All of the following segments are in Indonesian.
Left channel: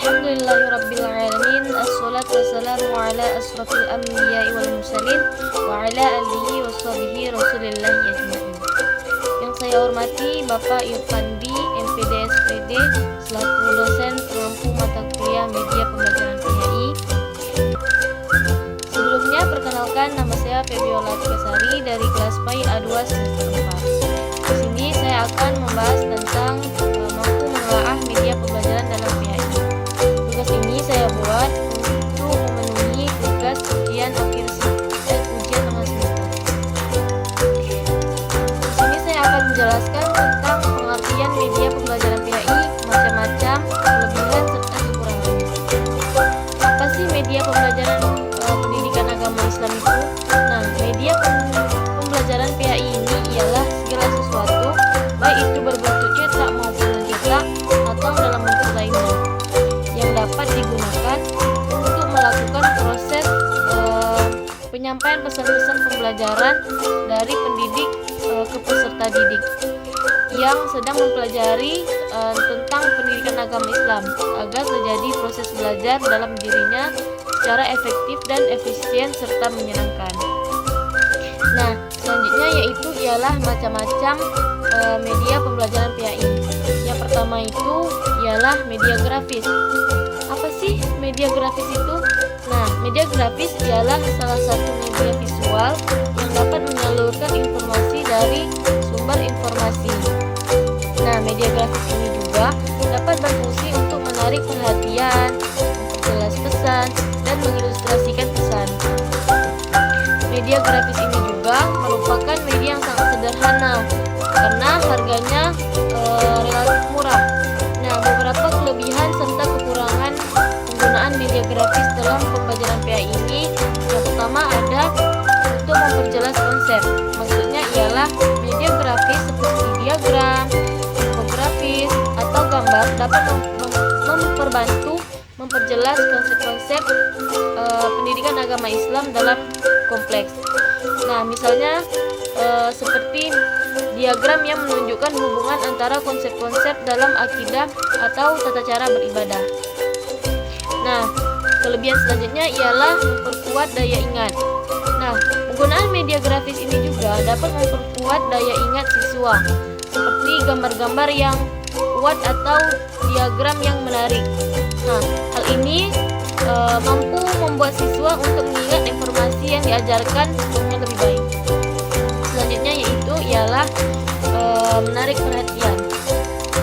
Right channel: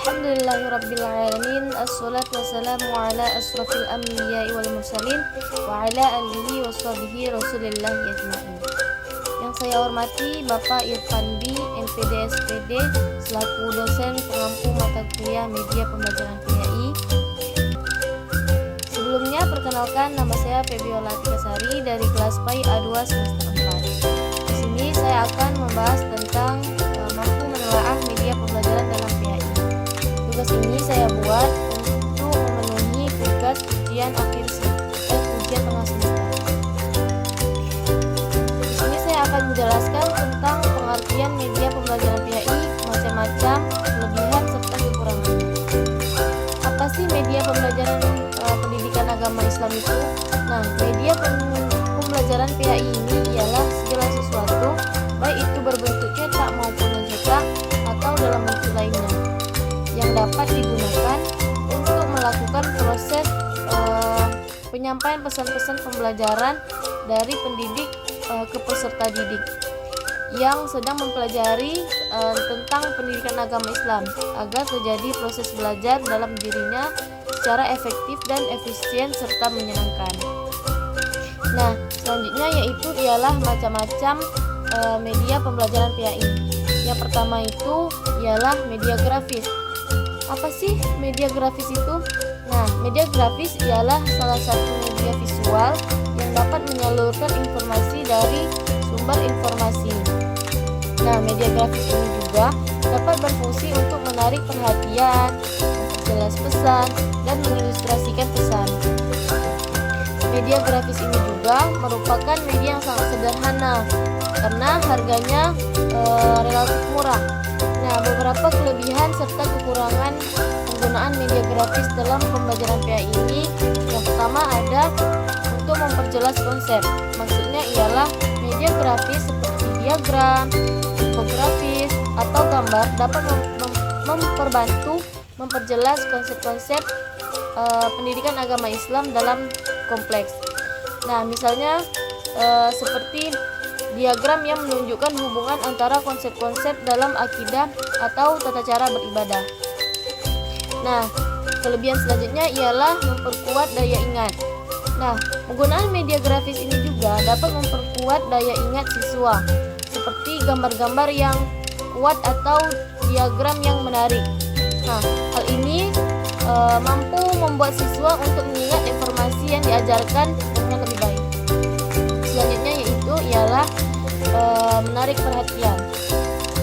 Alhamdulillahirrabbilalamin. Assalatu wassalamu ala asrafil anbiya'i wal mursalin wa ala alihi wa sahbihi rasulillahi ajma'in. Yang saya hormati Bapak Irfandi, MPD SPD, selaku dosen pengampu mata kuliah media pembelajaran PHI. Sebelumnya perkenalkan, nama saya Febiola Tikasari dari kelas PAI A2 semester 4. Di sini saya akan membahas tentang mampu menelaah media pembelajaran dalam PHI. Tugas ini saya buat untuk memenuhi tugas ujian ujian tengah semester. Di sini saya akan menjelaskan tentang pengertian media pembelajaran PHI, macam-macam, kelebihan serta kekurangannya. Apa sih media pembelajaran pendidikan agama Islam itu? Nah, media pembelajaran PHI ini ialah segala sesuatu, baik itu berbentuk cetak maupun non-cetak atau dalam bentuk lainnya, yang dapat digunakan untuk melakukan proses penyampaian pesan-pesan pembelajaran dari pendidik ke peserta didik yang sedang mempelajari tentang pendidikan agama Islam, agar terjadi proses belajar dalam dirinya secara efektif dan efisien serta menyenangkan. Nah, selanjutnya ialah macam-macam media pembelajaran PHI. Yang pertama itu ialah media grafis. Apa sih media grafis itu? Nah, media grafis ialah salah satu media visual yang dapat menyalurkan informasi dari sumber informasi. Nah, media grafis ini juga dapat berfungsi untuk menarik perhatian, memperjelas pesan, dan mengilustrasikan pesan. Media grafis ini juga merupakan media yang sangat sederhana karena harganya relatif murah. Nah, beberapa kelebihan serta kekurangan penggunaan media grafis dalam pembelajaran PHI ini, yang pertama ada untuk memperjelas konsep. Maksudnya ialah media grafis seperti diagram, infografis, atau gambar dapat memperbantu memperjelas konsep-konsep pendidikan agama Islam dalam kompleks. Nah, misalnya seperti diagram yang menunjukkan hubungan antara konsep-konsep dalam akidah atau tata cara beribadah. Nah, kelebihan selanjutnya ialah memperkuat daya ingat. Nah, penggunaan media grafis ini juga dapat memperkuat daya ingat siswa, seperti gambar-gambar yang kuat atau diagram yang menarik. Nah, hal ini mampu membuat siswa untuk mengingat informasi yang diajarkan dengan lebih baik. Selanjutnya ialah menarik perhatian.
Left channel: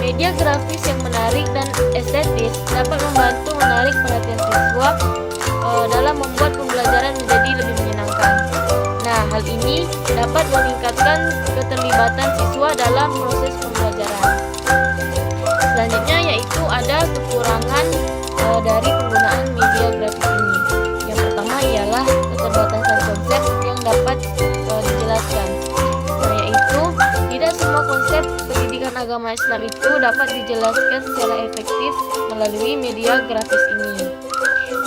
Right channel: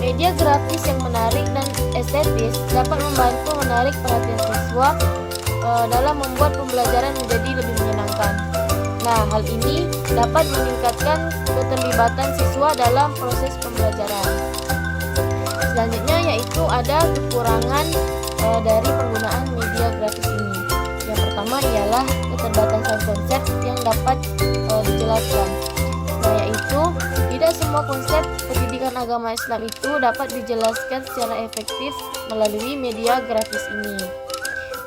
Media grafis yang menarik dan estetis dapat membantu menarik perhatian siswa dalam membuat pembelajaran menjadi lebih menyenangkan. Nah, hal ini dapat meningkatkan keterlibatan siswa dalam proses pembelajaran. Selanjutnya ada kekurangan dari penggunaan media grafis ini. Yang pertama ialah keterbatasan konsep yang dapat dijelaskan. Nah, tidak semua konsep pendidikan agama Islam itu dapat dijelaskan secara efektif melalui media grafis ini.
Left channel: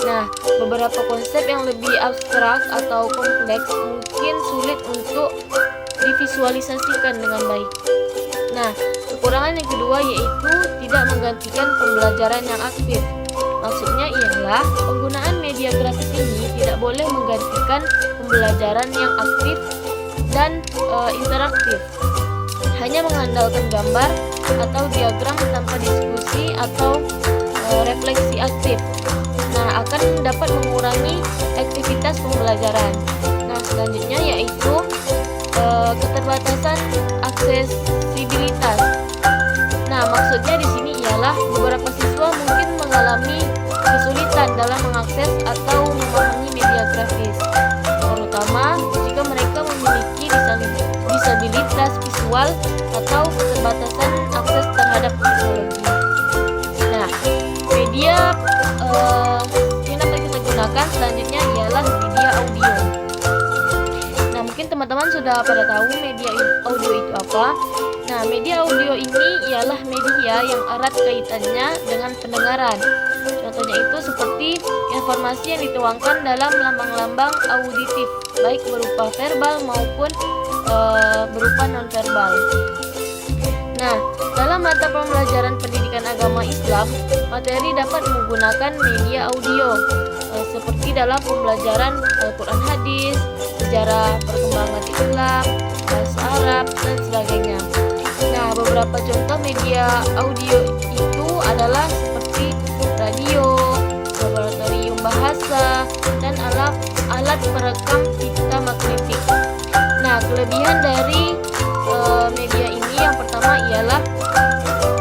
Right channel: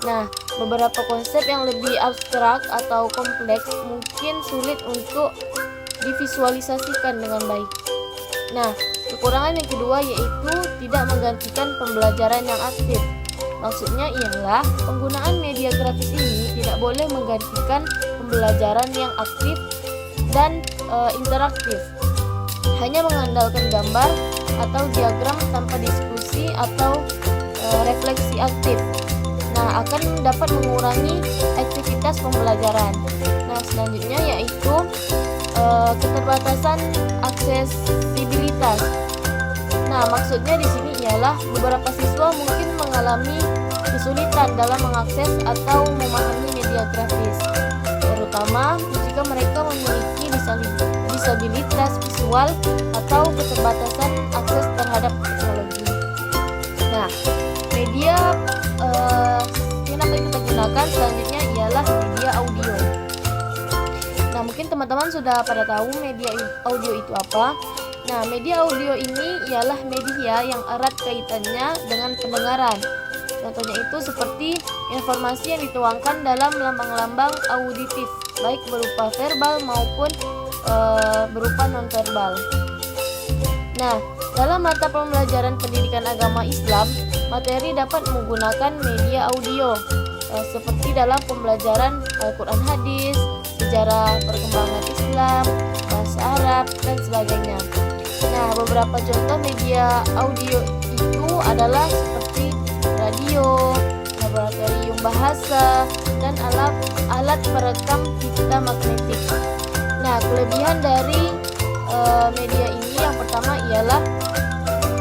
Nah, beberapa konsep yang lebih abstrak atau kompleks mungkin sulit untuk divisualisasikan dengan baik. Nah, kekurangan yang kedua yaitu tidak menggantikan pembelajaran yang aktif. Maksudnya ialah penggunaan media grafis ini tidak boleh menggantikan pembelajaran yang aktif dan interaktif. Hanya mengandalkan gambar atau diagram tanpa diskusi atau refleksi aktif. Nah, akan dapat mengurangi aktivitas pembelajaran. Nah, selanjutnya keterbatasan aksesibilitas. Nah, maksudnya di sini ialah beberapa siswa mungkin mengalami kesulitan dalam mengakses atau memahami media grafis, terutama jika mereka memiliki disabilitas visual atau keterbatasan akses terhadap teknologi. Nah, media yang dapat kita gunakan selanjutnya ialah media audio. Nah, mungkin teman-teman sudah pada tahu media audio itu apa. Nah, media audio ini ialah media yang erat kaitannya dengan pendengaran. Contohnya itu seperti informasi yang dituangkan dalam lambang-lambang auditif, baik berupa verbal maupun berupa nonverbal. Nah, dalam mata pembelajaran pendidikan agama Islam, materi dapat menggunakan media audio seperti dalam pembelajaran Al-Quran hadis, sejarah perkembangan Islam, bahasa Arab, dan sebagainya. Nah, beberapa contoh media audio itu adalah seperti radio, laboratorium bahasa, dan alat perekam pita magnetik. Nah, kelebihan dari media ini yang pertama ialah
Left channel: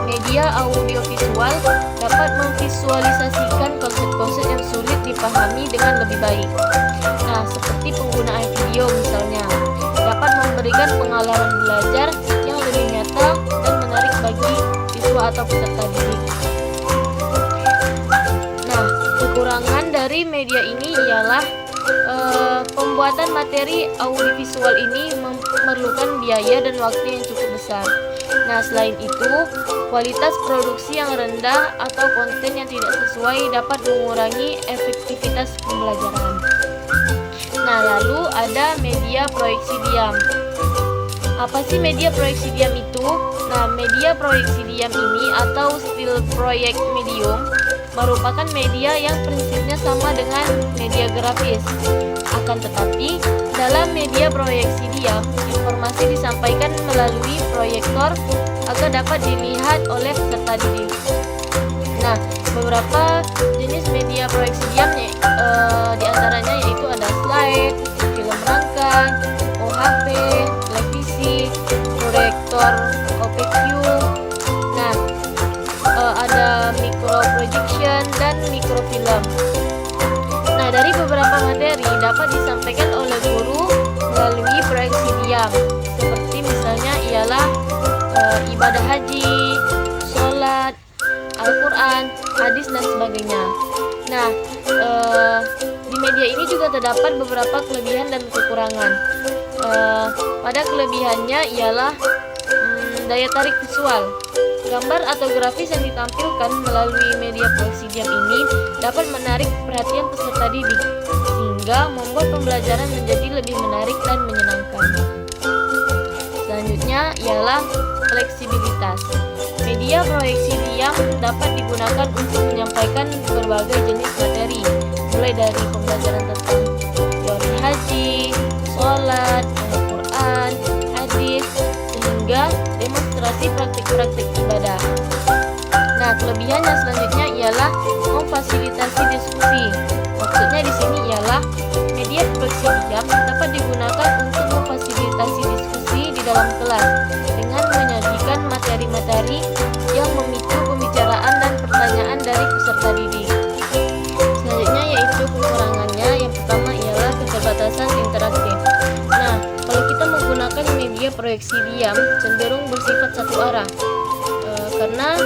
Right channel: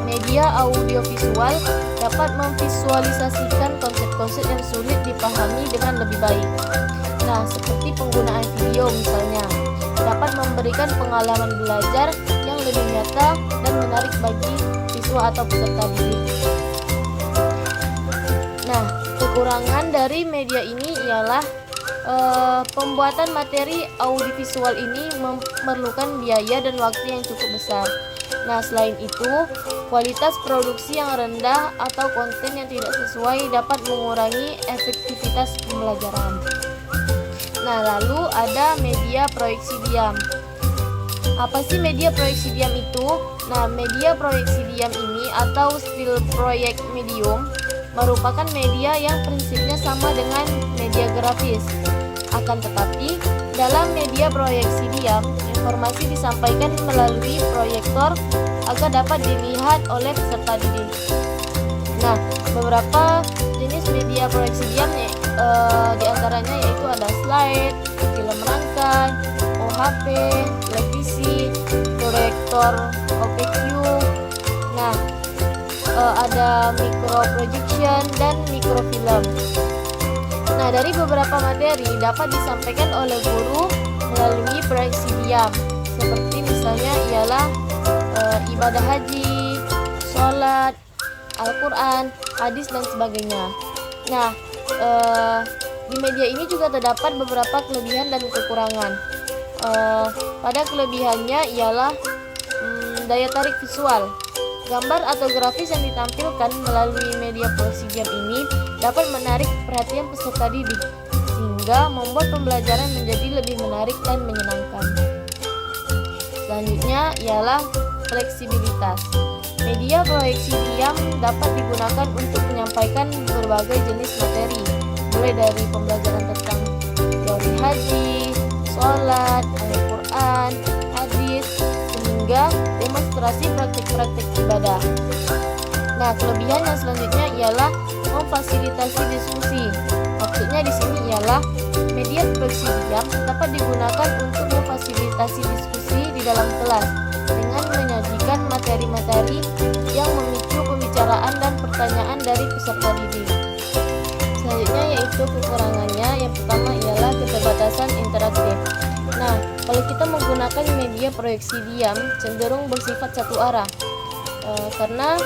media audiovisual dapat memvisualisasikan konsep-konsep yang sulit dipahami dengan lebih baik. Nah, seperti penggunaan video misalnya, dapat memberikan pengalaman belajar yang lebih nyata dan menarik bagi siswa atau peserta didik. Nah, kekurangan dari media ini ialah pembuatan materi audiovisual ini memerlukan biaya dan waktu yang cukup besar. Nah, selain itu, kualitas produksi yang rendah atau konten yang tidak sesuai dapat mengurangi efektivitas pembelajaran. Nah, lalu ada media proyeksi diam. Apa sih media proyeksi diam itu? Nah, media proyeksi diam ini atau still project medium merupakan media yang prinsipnya sama dengan media grafis. Akan tetapi, dalam media proyeksi diam, informasi disampaikan melalui proyektor agar dapat dilihat oleh peserta didik. Nah, beberapa jenis media proyeksi diam diantaranya yaitu ada slide, film rangkai, OHP, televisi, proyektor OPQ. Nah, ada micro projection dan mikrofilm. Nah, dari beberapa materi dapat disampaikan oleh guru melalui proyeksi diam, seperti misalnya ialah ibadah haji, sholat, Al-Quran, hadis, dan sebagainya. Nah, di media ini juga terdapat beberapa kelebihan dan kekurangan. Pada kelebihannya ialah daya tarik visual. Gambar atau grafis yang ditampilkan melalui media proyeksi diam ini dapat menarik perhatian peserta didik, sehingga membuat pembelajaran menjadi lebih menarik dan menyenangkan. Selanjutnya ialah fleksibilitas. Media proyeksi diam dapat digunakan untuk menyampaikan berbagai jenis materi, mulai dari pembelajaran tentang teori haji, sholat, Al-Quran, hadis, hingga demonstrasi praktik-praktik ibadah. Nah, kelebihan yang selanjutnya ialah memfasilitasi diskusi. Maksudnya di sini ialah media proyeksi diam dapat digunakan untuk memfasilitasi diskusi di dalam kelas dengan menyajikan materi-materi yang memicu pembicaraan dan pertanyaan dari peserta didik. Selanjutnya yaitu kekurangannya. Yang pertama ialah keterbatasan interaktif. Nah, kalau kita menggunakan media proyeksi diam cenderung bersifat satu arah, karena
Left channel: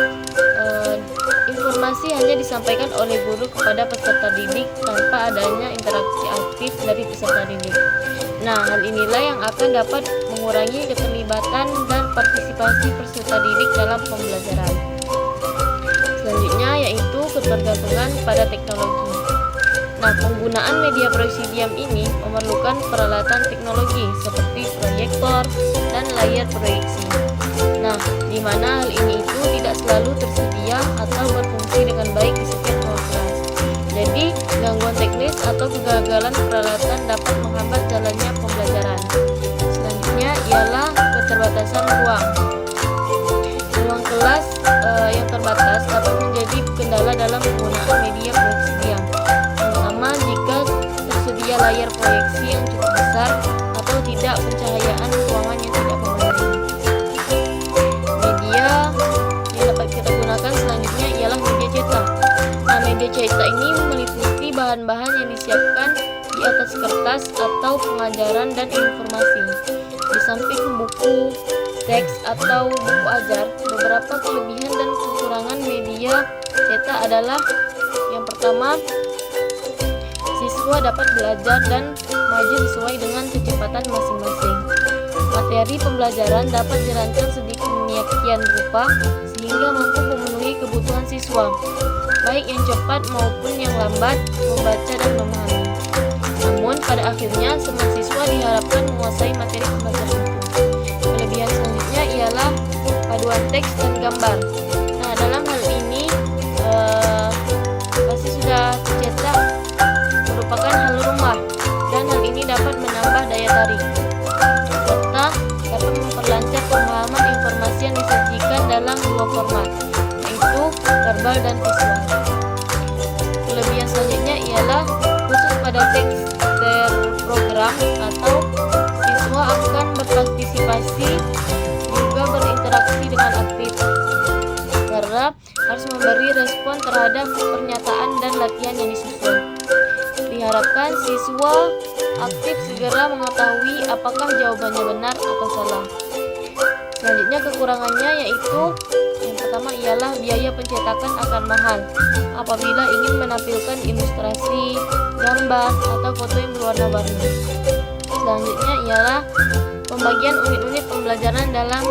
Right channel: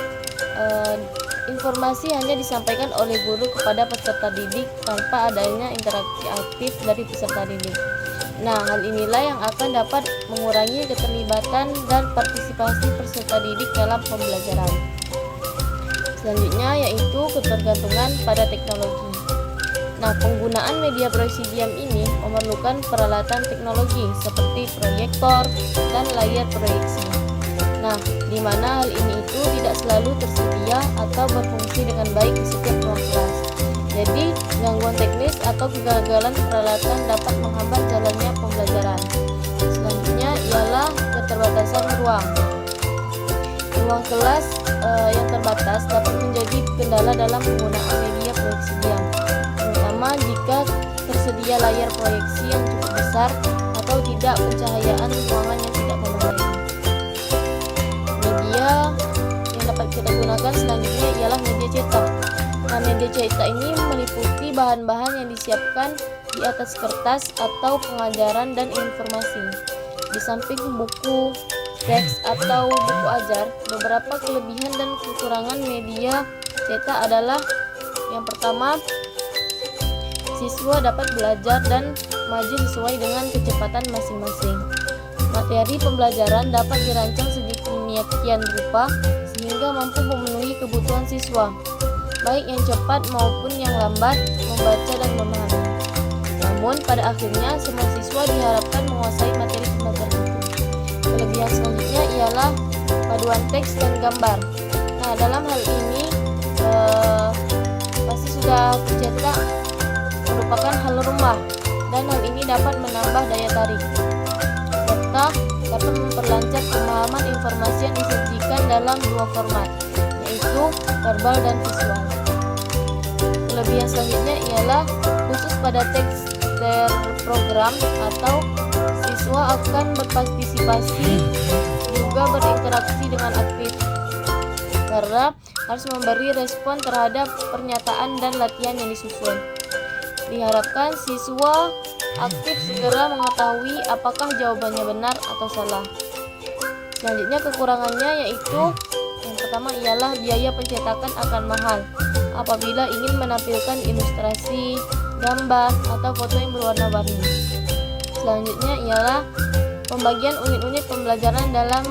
informasi hanya disampaikan oleh guru kepada peserta didik tanpa adanya interaksi aktif dari peserta didik. Nah, hal inilah yang akan dapat mengurangi keterlibatan dan partisipasi peserta didik dalam pembelajaran. Selanjutnya yaitu ketergantungan pada teknologi. Nah, penggunaan media proyeksi diam ini memerlukan peralatan teknologi seperti proyektor dan layar proyeksi. Nah, di mana hal ini itu tidak selalu tersedia atau berfungsi dengan baik di setiap ruang kelas. Jadi, gangguan teknis atau kegagalan peralatan dapat menghambat jalannya pembelajaran. Selanjutnya ialah keterbatasan ruang. Ruang kelas yang terbatas dapat menjadi kendala dalam penggunaan media proyeksi diam, terutama jika tersedia layar proyeksi yang cukup besar atau tidak pencahayaan ruangan yang tidak memadai. Media yang dapat kita gunakan selanjutnya ialah media cetak. Nah, media cetak ini meliputi bahan-bahan yang disiapkan di atas kertas atau pengajaran dan informasi. Di samping buku, teks atau buku ajar, beberapa kelebihan dan kekurangan media cetak adalah yang pertama, siswa dapat belajar dan maju sesuai dengan kecepatan masing-masing. Materi pembelajaran dapat dirancang sedemikian rupa sehingga mampu memenuhi kebutuhan siswa, baik yang cepat maupun yang lambat membaca dan memahami. Namun pada akhirnya semua siswa diharapkan menguasai materi pembelajaran itu. Kelebihan selanjutnya ialah paduan teks dan gambar. Nah, dalam hal ini pasti sudah tercetak merupakan hal rumah, dan hal ini dapat menambah daya tarik serta dapat memperlancar pemahaman informasi yang disajikan dalam dua format, yaitu verbal dan visual. Kelebihan selanjutnya ialah khusus pada teks terprogram atau siswa akan berpartisipasi juga berinteraksi dengan aktif karena harus memberi respon terhadap pernyataan dan latihan yang disusun. Diharapkan siswa aktif segera mengetahui apakah jawabannya benar atau salah. Selanjutnya kekurangannya yaitu yang pertama ialah biaya pencetakan akan mahal apabila ingin menampilkan ilustrasi, gambar, atau foto yang berwarna-warni. Selanjutnya ialah pembagian unit-unit pembelajaran dalam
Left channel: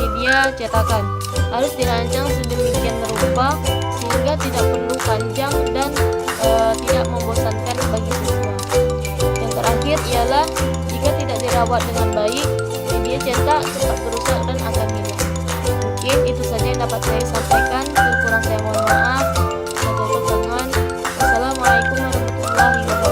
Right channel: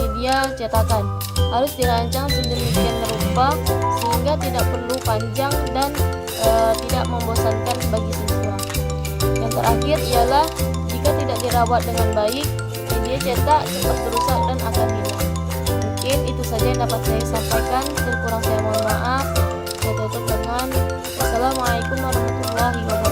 media cetakan harus dirancang sedemikian rupa sehingga tidak perlu panjang dan tidak membosankan bagi siswa. Yang terakhir ialah jika tidak dirawat dengan baik, media cetak cepat rusak dan akan hilang. Mungkin itu saja yang dapat saya sampaikan. Terkurang saya mohon maaf. Saya tutup dengan wassalamualaikum warahmatullahi wabarakatuh.